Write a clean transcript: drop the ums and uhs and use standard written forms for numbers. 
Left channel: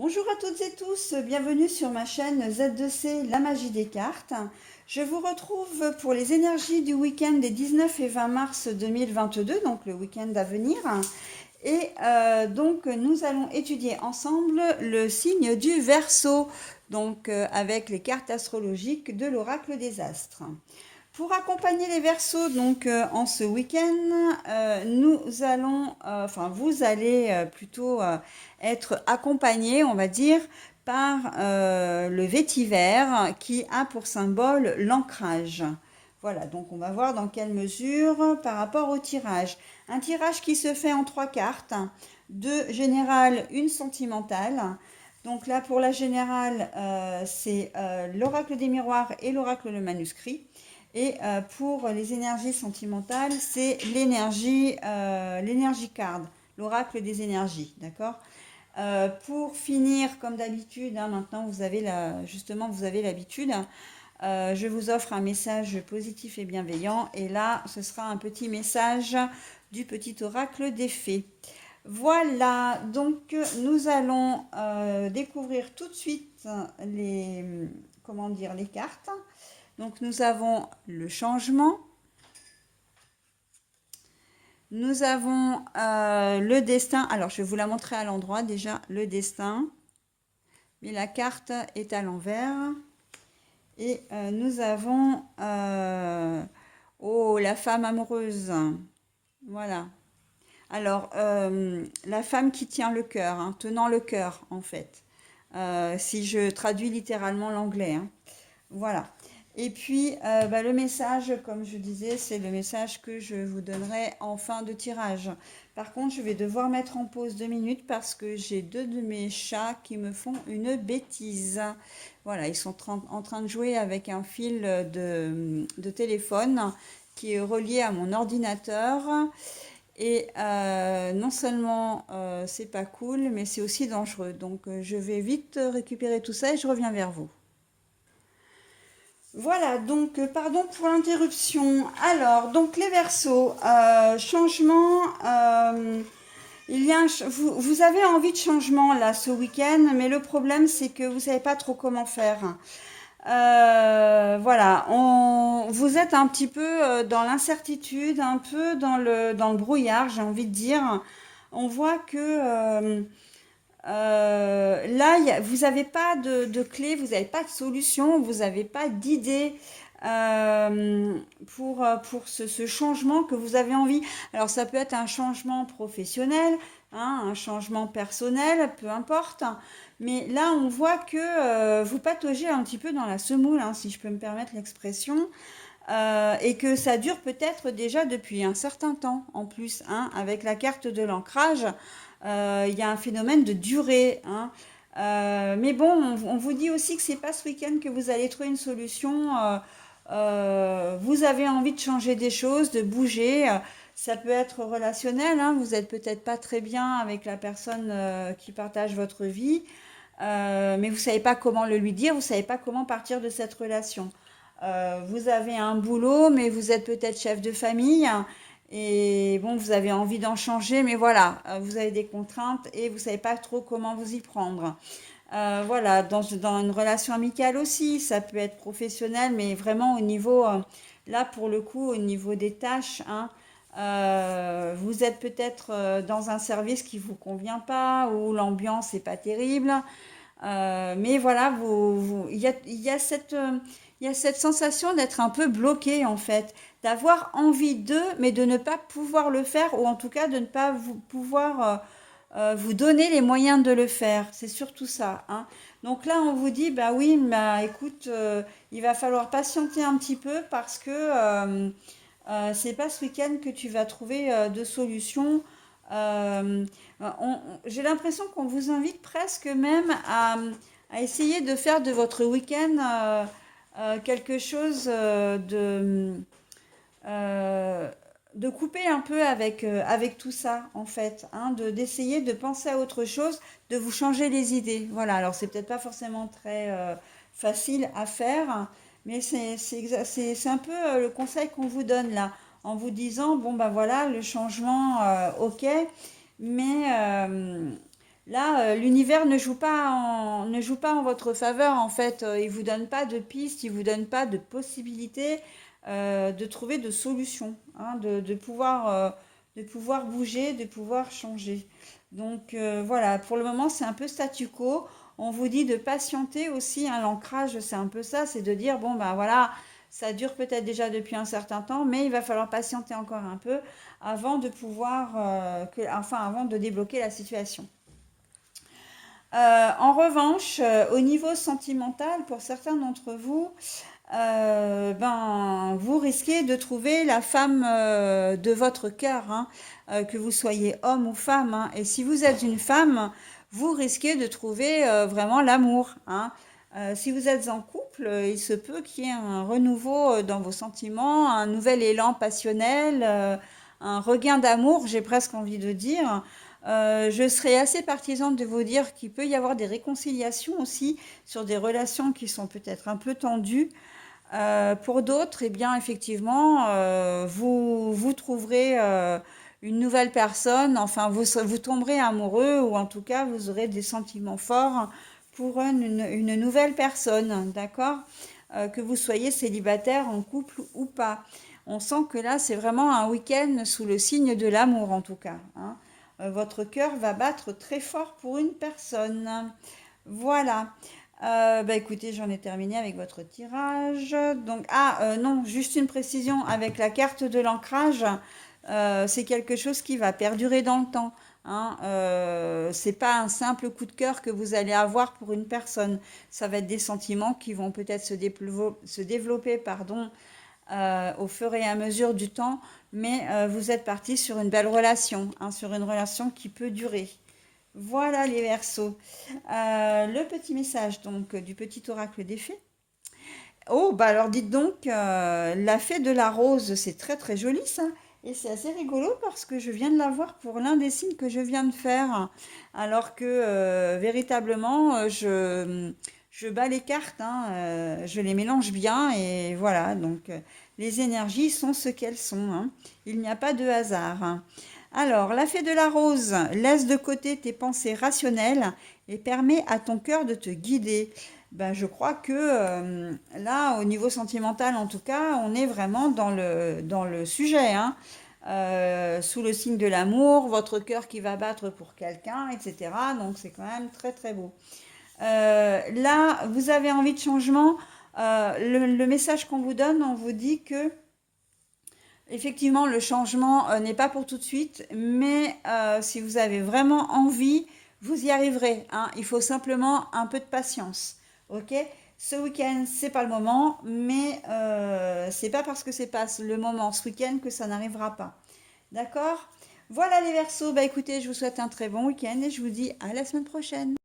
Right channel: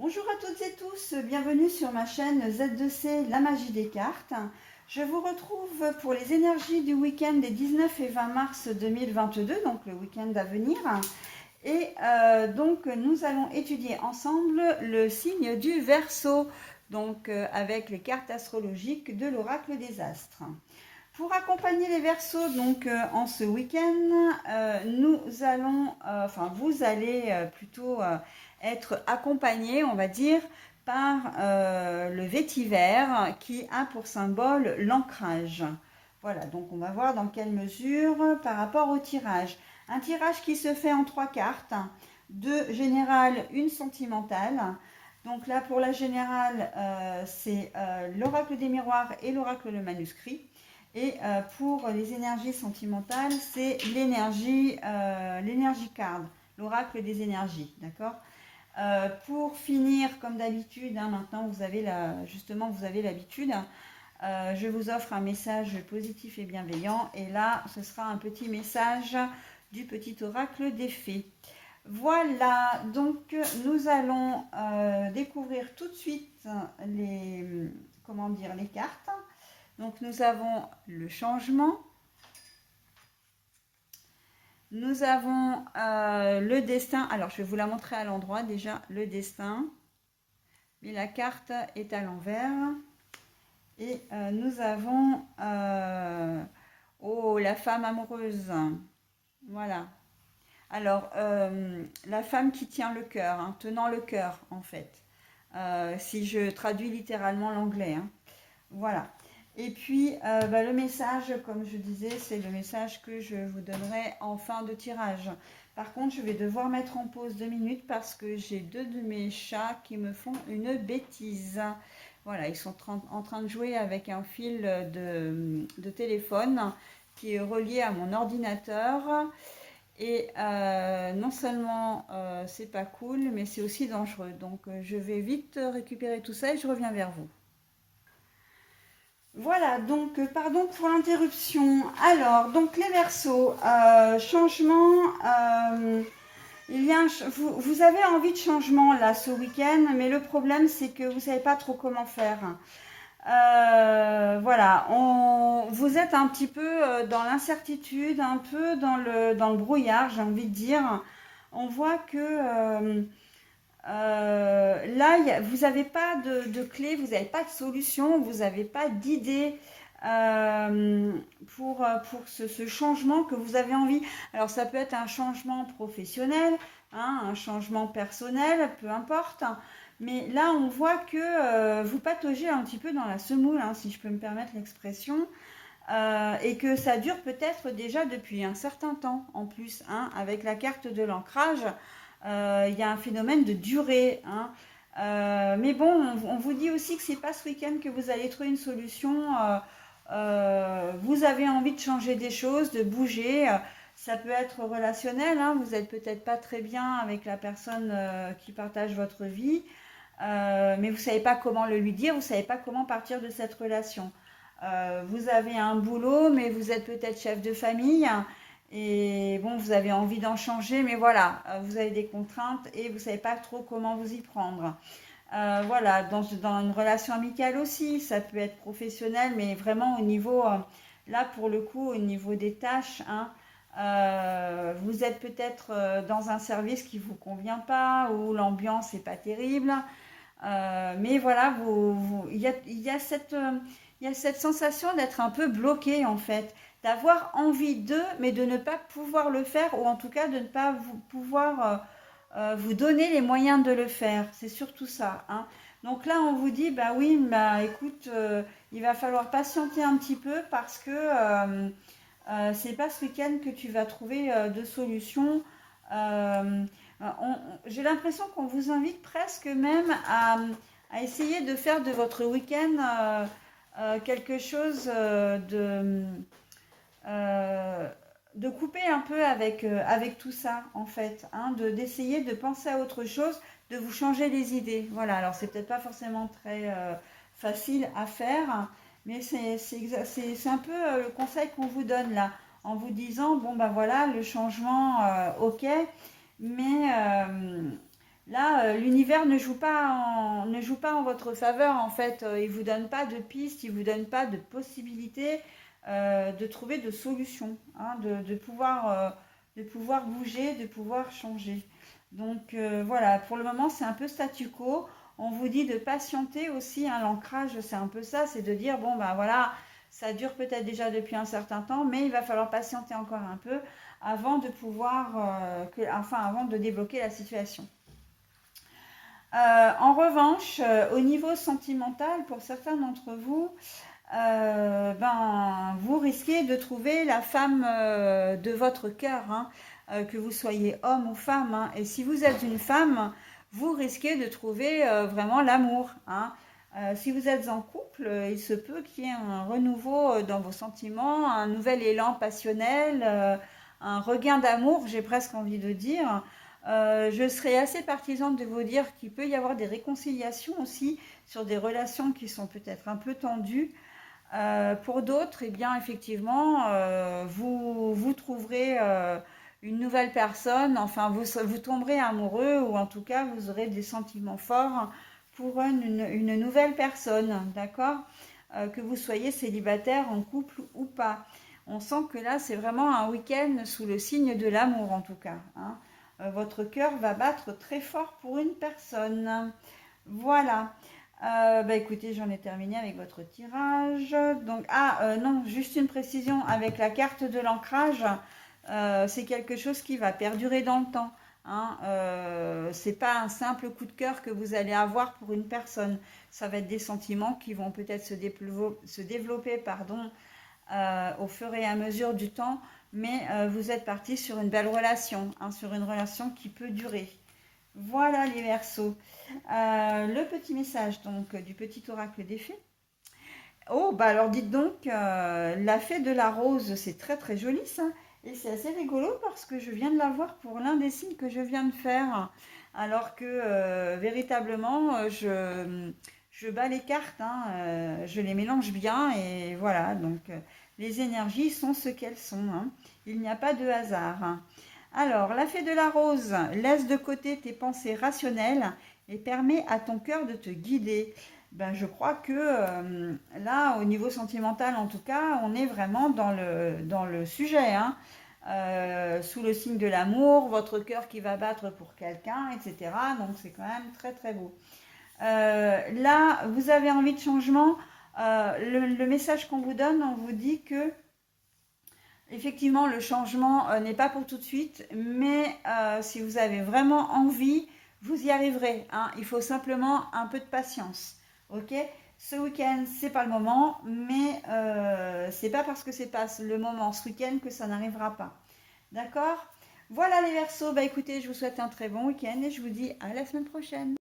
Bonjour à toutes et tous, bienvenue sur ma chaîne Z2C, la magie des cartes. Je vous retrouve pour les énergies du week-end des 19 et 20 mars 2022, donc le week-end à venir. Et donc nous allons étudier ensemble le signe du Verseau, donc avec les cartes astrologiques de l'oracle des astres. Pour accompagner les Verseaux donc en ce week-end, vous allez plutôt être accompagné, on va dire, par le vétiver qui a pour symbole l'ancrage. Voilà, donc on va voir dans quelle mesure par rapport au tirage. Un tirage qui se fait en 3 cartes, deux générales, une sentimentale. Donc là, pour la générale, c'est l'oracle des miroirs et l'oracle le manuscrit. Et pour les énergies sentimentales, c'est l'énergie card, l'oracle des énergies, d'accord. Pour finir, comme d'habitude, hein, maintenant justement vous avez l'habitude, je vous offre un message positif et bienveillant. Et là, ce sera un petit message du petit oracle des fées. Voilà, donc nous allons découvrir tout de suite les cartes. Donc nous avons le changement, nous avons le destin. Alors je vais vous la montrer à l'endroit déjà, le destin. Mais la carte est à l'envers. Et nous avons la femme amoureuse. Voilà. Alors, la femme qui tient le cœur, hein, tenant le cœur en fait. Si je traduis littéralement l'anglais, hein. Voilà. Et puis, le message, comme je disais, c'est le message que je vous donnerai en fin de tirage. Par contre, je vais devoir mettre en pause 2 minutes parce que j'ai deux de mes chats qui me font une bêtise. Voilà, ils sont en train de jouer avec un fil de téléphone qui est relié à mon ordinateur. Et non seulement c'est pas cool, mais c'est aussi dangereux. Donc, je vais vite récupérer tout ça et je reviens vers vous. Voilà, donc pardon pour l'interruption. Alors, donc les Verseaux, changement, vous avez envie de changement là ce week-end, mais le problème c'est que vous ne savez pas trop comment faire. Voilà, vous êtes un petit peu dans l'incertitude, un peu dans le brouillard, j'ai envie de dire. On voit que là, vous n'avez pas de clé, vous n'avez pas de solution, vous n'avez pas d'idée pour ce changement que vous avez envie. Alors, ça peut être un changement professionnel, hein, un changement personnel, peu importe. Mais là, on voit que vous pataugez un petit peu dans la semoule, hein, si je peux me permettre l'expression. Et que ça dure peut-être déjà depuis un certain temps en plus, hein, avec la carte de l'ancrage. Il y a un phénomène de durée, hein. Mais bon, on vous dit aussi que c'est pas ce week-end que vous allez trouver une solution. Vous avez envie de changer des choses, de bouger. Ça peut être relationnel, hein. Vous êtes peut-être pas très bien avec la personne qui partage votre vie, mais vous savez pas comment le lui dire, vous savez pas comment partir de cette relation. Vous avez un boulot, mais vous êtes peut-être chef de famille. Et bon, vous avez envie d'en changer, mais voilà, vous avez des contraintes et vous ne savez pas trop comment vous y prendre. Voilà, dans une relation amicale aussi, ça peut être professionnel, mais vraiment au niveau, là pour le coup, au niveau des tâches, hein, vous êtes peut-être dans un service qui ne vous convient pas, ou l'ambiance n'est pas terrible. Mais voilà, il y a cette sensation d'être un peu bloqué en fait, d'avoir envie d'eux, mais de ne pas pouvoir le faire, ou en tout cas de ne pas pouvoir vous donner les moyens de le faire. C'est surtout ça, hein. Donc là, on vous dit, bah oui, bah écoute, il va falloir patienter un petit peu parce que c'est pas ce week-end que tu vas trouver de solution. Euh, j'ai l'impression qu'on vous invite presque même à essayer de faire de votre week-end quelque chose euh, de couper un peu avec tout ça, en fait, hein, d'essayer de penser à autre chose, de vous changer les idées. Voilà, alors c'est peut-être pas forcément très facile à faire, mais c'est un peu le conseil qu'on vous donne là, en vous disant, bon ben voilà, le changement, ok, mais Là, l'univers ne joue pas en votre faveur, en fait. Il vous donne pas de pistes, il vous donne pas de possibilités de trouver de solutions, hein, de pouvoir bouger, de pouvoir changer. Donc voilà, pour le moment, c'est un peu statu quo. On vous dit de patienter aussi, hein, l'ancrage, c'est un peu ça, c'est de dire, bon, ben voilà, ça dure peut-être déjà depuis un certain temps, mais il va falloir patienter encore un peu avant de pouvoir, enfin, avant de débloquer la situation. En revanche, au niveau sentimental, pour certains d'entre vous, ben, vous risquez de trouver la femme de votre cœur, hein, que vous soyez homme ou femme, hein. Et si vous êtes une femme, vous risquez de trouver vraiment l'amour, hein. Si vous êtes en couple, il se peut qu'il y ait un renouveau dans vos sentiments, un nouvel élan passionnel, un regain d'amour, j'ai presque envie de dire. Je serais assez partisane de vous dire qu'il peut y avoir des réconciliations aussi sur des relations qui sont peut-être un peu tendues. Pour d'autres, eh bien, effectivement, vous trouverez une nouvelle personne, enfin, vous tomberez amoureux ou en tout cas, vous aurez des sentiments forts pour une nouvelle personne, d'accord? Que vous soyez célibataire, en couple ou pas. On sent que là, c'est vraiment un week-end sous le signe de l'amour, en tout cas, hein. Votre cœur va battre très fort pour une personne. Voilà. Bah écoutez, j'en ai terminé avec votre tirage. Donc, non, juste une précision avec la carte de l'ancrage, c'est quelque chose qui va perdurer dans le temps, hein. C'est pas un simple coup de cœur que vous allez avoir pour une personne. Ça va être des sentiments qui vont peut-être se développer, pardon, au fur et à mesure du temps, mais vous êtes parti sur une belle relation, hein, sur une relation qui peut durer. Voilà les Verseaux. Le petit message donc du petit oracle des fées. Oh, bah alors dites donc, la fée de la rose, c'est très très joli ça. Et c'est assez rigolo parce que je viens de la voir pour l'un des signes que je viens de faire. Alors que véritablement, je bats les cartes, hein, je les mélange bien et voilà. Donc les énergies sont ce qu'elles sont, hein. Il n'y a pas de hasard, hein. Alors, la fée de la rose laisse de côté tes pensées rationnelles et permet à ton cœur de te guider. Ben, je crois que là, au niveau sentimental, en tout cas, on est vraiment dans le sujet, hein. Sous le signe de l'amour, votre cœur qui va battre pour quelqu'un, etc. Donc, c'est quand même très, très beau. Là, vous avez envie de changement. Le message qu'on vous donne, on vous dit que effectivement, le changement n'est pas pour tout de suite, mais si vous avez vraiment envie, vous y arriverez, hein. Il faut simplement un peu de patience. Ok? Ce week-end, c'est pas le moment, mais c'est pas parce que c'est pas le moment ce week-end que ça n'arrivera pas. D'accord? Voilà les Verseaux. Bah écoutez, je vous souhaite un très bon week-end et je vous dis à la semaine prochaine.